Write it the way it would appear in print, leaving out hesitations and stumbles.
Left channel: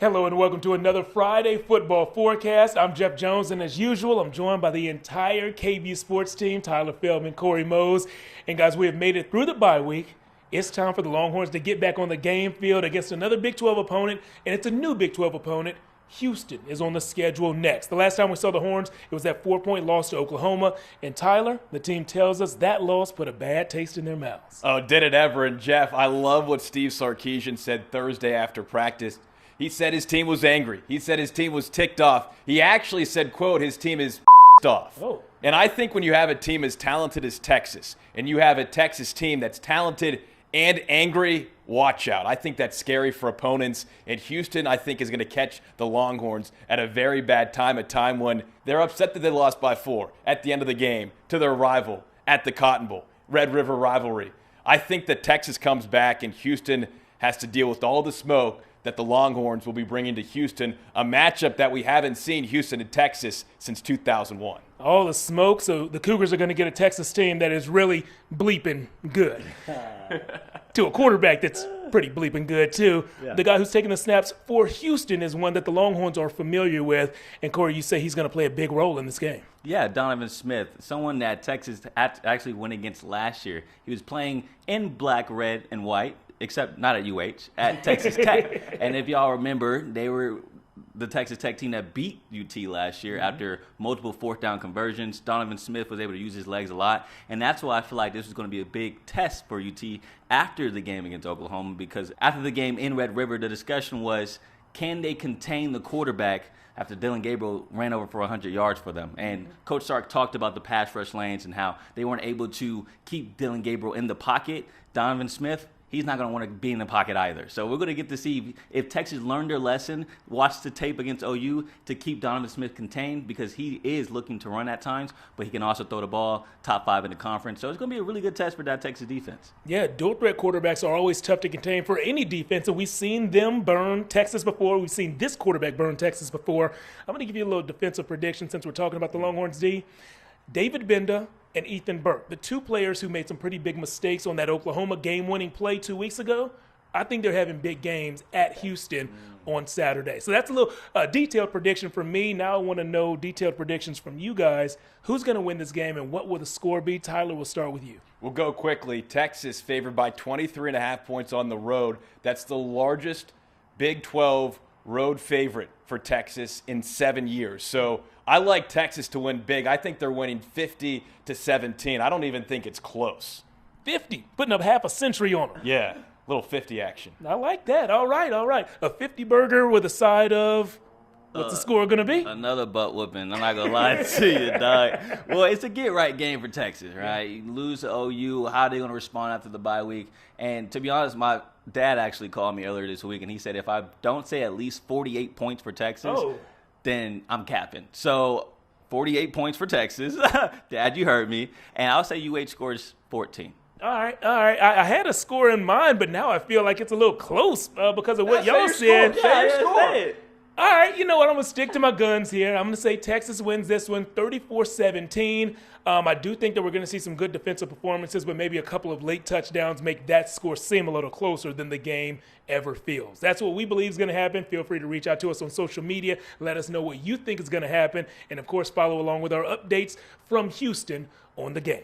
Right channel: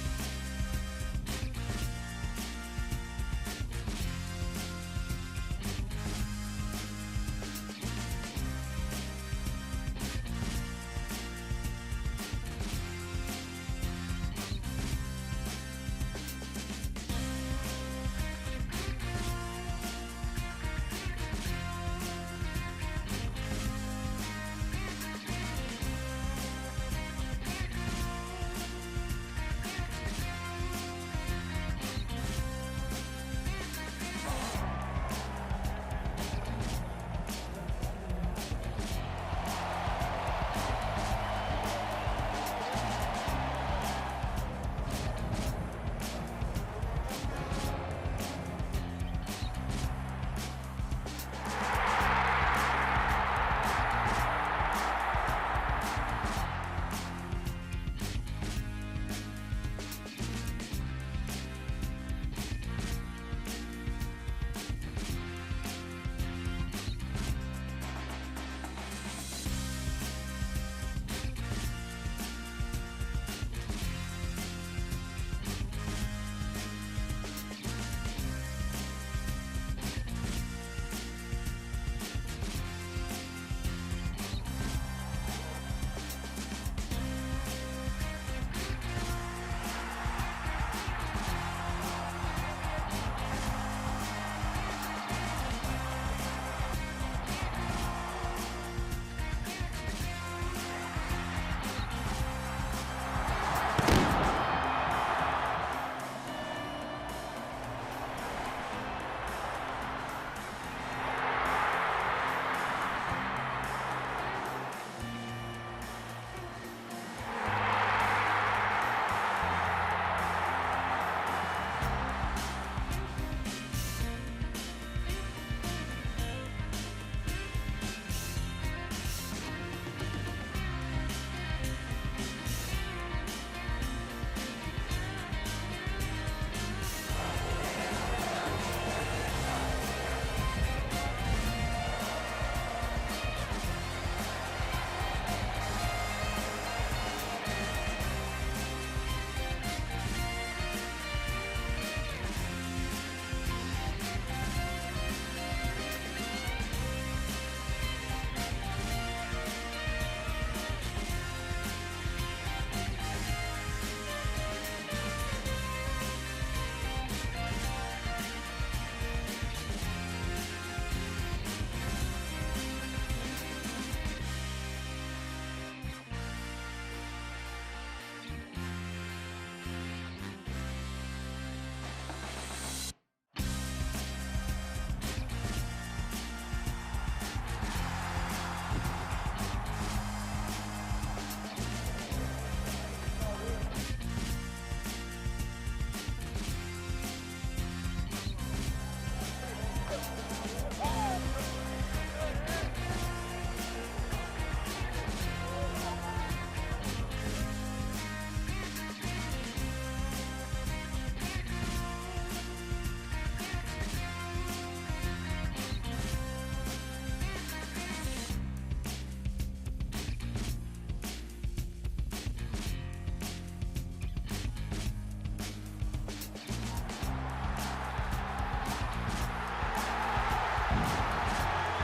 Hello and welcome to another Friday football forecast. I'm Jeff Jones, and as usual, I'm joined by the entire KVUE Sports team, Tyler Feldman, Corey Mose. And guys, we have made it through the bye week. It's time for the Longhorns to get back on the game field against another Big 12 opponent, and it's a new Big 12 opponent. Houston is on the schedule next. The last time we saw the Horns, it was that 4-point loss to Oklahoma. And Tyler, the team tells us that loss put a bad taste in their mouths. Oh, did it ever? And Jeff, I love what Steve Sarkisian said Thursday after practice. He said his team was angry. He said his team was ticked off. He actually said, quote, his team is off. Oh. And I think when you have a team as talented as Texas, and you have a Texas team that's talented and angry, watch out. I think that's scary for opponents. And Houston, I think, is going to catch the Longhorns at a very bad time, a time when they're upset that they lost by 4 at the end of the game to their rival at the Cotton Bowl, Red River rivalry. I think that Texas comes back and Houston has to deal with all the smoke that the Longhorns will be bringing to Houston, a matchup that we haven't seen Houston and Texas since 2001. All the smoke, so the Cougars are going to get a Texas team that is really bleeping good. To a quarterback that's pretty bleeping good, too. Yeah. The guy who's taking the snaps for Houston is one that the Longhorns are familiar with. And, Corey, you say he's going to play a big role in this game. Yeah, Donovan Smith, someone that Texas actually went against last year. He was playing in black, red, and white, except not at UH, at Texas Tech. And if y'all remember, they were the Texas Tech team that beat UT last year after multiple fourth down conversions. Donovan Smith was able to use his legs a lot. And that's why I feel like this was going to be a big test for UT after the game against Oklahoma, because after the game in Red River, the discussion was, can they contain the quarterback after Dylan Gabriel ran over for 100 yards for them? And Coach Sark talked about the pass rush lanes and how they weren't able to keep Dylan Gabriel in the pocket. Donovan Smith, he's not going to want to be in the pocket either. So we're going to get to see if Texas learned their lesson, watched the tape against OU to keep Donovan Smith contained, because he is looking to run at times, but he can also throw the ball, top 5 in the conference. So it's going to be a really good test for that Texas defense. Yeah, dual threat quarterbacks are always tough to contain for any defense, and we've seen them burn Texas before. We've seen this quarterback burn Texas before. I'm going to give you a little defensive prediction since we're talking about the Longhorns D. David Benda and Ethan Burke, the two players who made some pretty big mistakes on that Oklahoma game-winning play 2 weeks ago, I think they're having big games at Houston on Saturday. So that's a little detailed prediction from me. Now I want to know detailed predictions from you guys. Who's going to win this game and what will the score be? Tyler, we'll start with you. We'll go quickly. Texas favored by 23.5 points on the road. That's the largest Big 12 road favorite for Texas in 7 years. So I like Texas to win big. I think they're winning 50-17. I don't even think it's close. 50, putting up half a century on it. Yeah, little 50 action. I like that. All right. A 50 burger with a side of, what's the score going to be? Another butt whooping. I'm not going to lie to you, dog. Well, it's a get-right game for Texas, right? You lose to OU, how are they going to respond after the bye week? And to be honest, my dad actually called me earlier this week, and he said if I don't say at least 48 points for Texas, then I'm capping. So 48 points for Texas. Dad, you heard me. And I'll say UH scores 14. All right. I had a score in mind, but now I feel like it's a little close because of what y'all said. All right, you know what? I'm going to stick to my guns here. I'm going to say Texas wins this one 34-17. I do think that we're going to see some good defensive performances, but maybe a couple of late touchdowns make that score seem a little closer than the game ever feels. That's what we believe is going to happen. Feel free to reach out to us on social media. Let us know what you think is going to happen. And, of course, follow along with our updates from Houston on the game.